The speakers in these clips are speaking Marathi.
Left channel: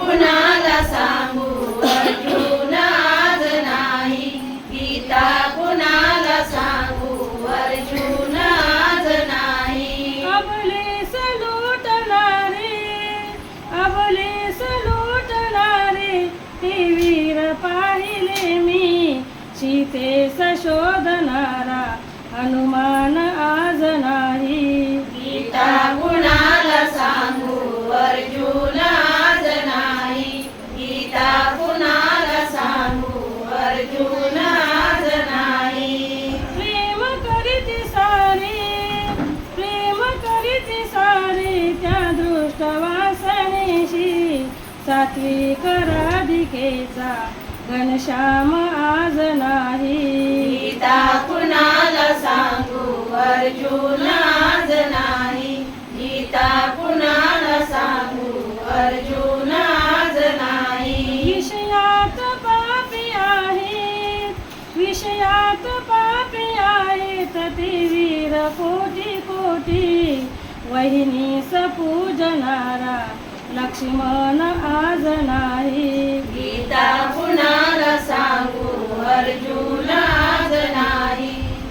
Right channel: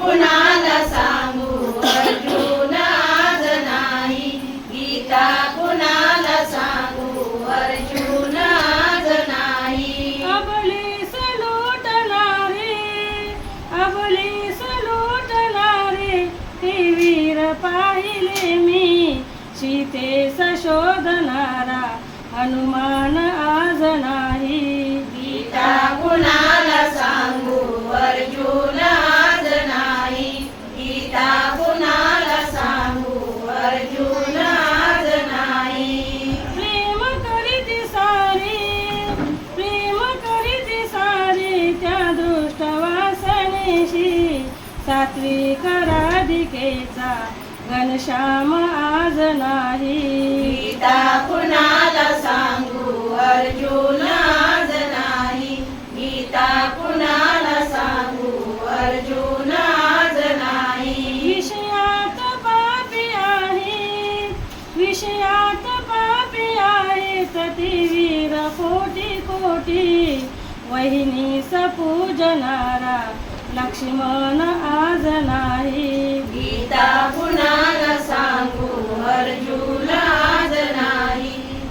कुणाला सांगू अर्जुन आज नाही, गीता कुणाला सांगू अर्जुन आज नाही. अबलीस लुटणारे ते वीर पाहिले मी, सीतेस शोधणारा हनुमान आज नाही. गीता कुणाला सांगू अर्जुन आज नाही, गीता कुणाला सांगू अर्जुन आज नाही. प्रेम करीती सारी त्या दुष्ट वासनेशी, सात्विक राधिकेचा घनश्याम आज नाही. गीता कुणाला सांगू अर्जुन आज नाही, गीता कुणाला सांगू अर्जुन आज नाही. विषयात पापी आहेत ते वीर कोटी कोटी, वहिनीस पूजनारा लक्ष्मण आज नाही. गीता कुणाला सांगू अर्जुन आज नाही,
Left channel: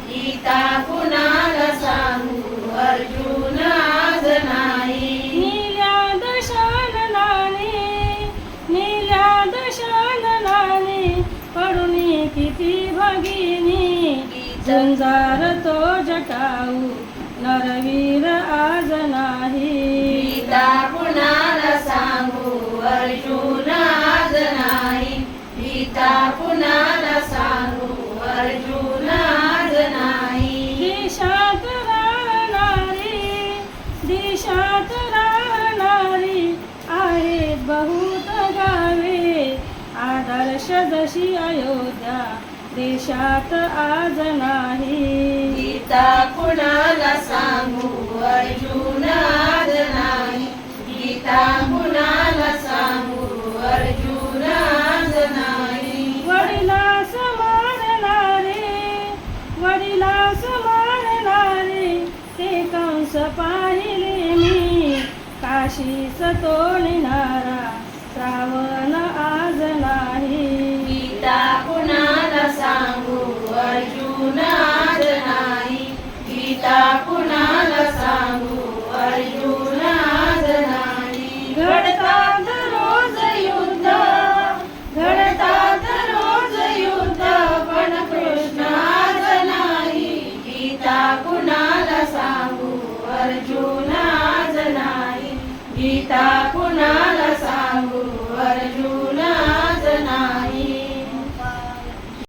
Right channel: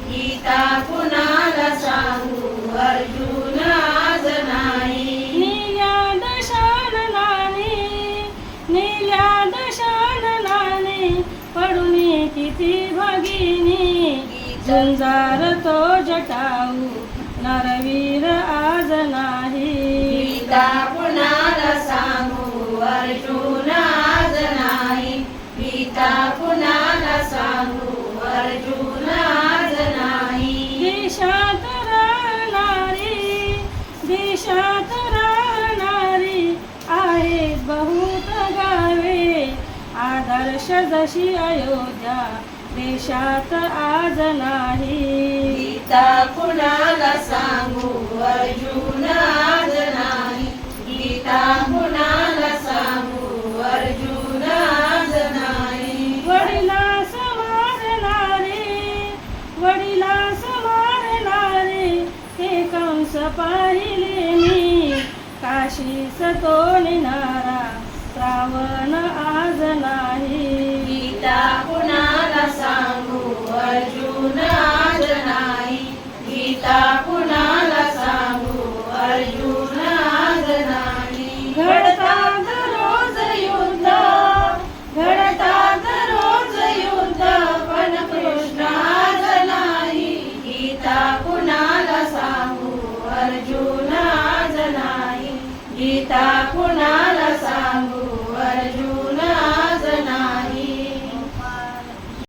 गीता कुणाला सांगू अर्जुन आज नाही. नील्या दशाननाने पडुनी किती भगिनी, झुंजार तो जटाऊ नरवीर आज नाही. गीता कुणाला सांगू अर्जुन आज नाही, गीता कुणाला सांगू अर्जुन आज नाही. देशात राहणारी आहेत बहुत गावे, आदर्श जशी अयोध्या देशात आज नाही. गीता कुणाला सांगू अर्जुन आज नाही, गीता कुणाला सांगू अर्जुन आज नाही. वडिलास मारणारे ते कंस पाहिले मी, काशीस तो नेणारा श्रावण आज नाही. गीता कुणाला सांगू अर्जुन आज नाही, गीता कुणाला सांगू अर्जुन आज नाही. घडतात रोज युद्ध पण कृष्ण आज नाही, गीता कुणाला सांगू अर्जुन आज नाही, गीता कुणाला सांगू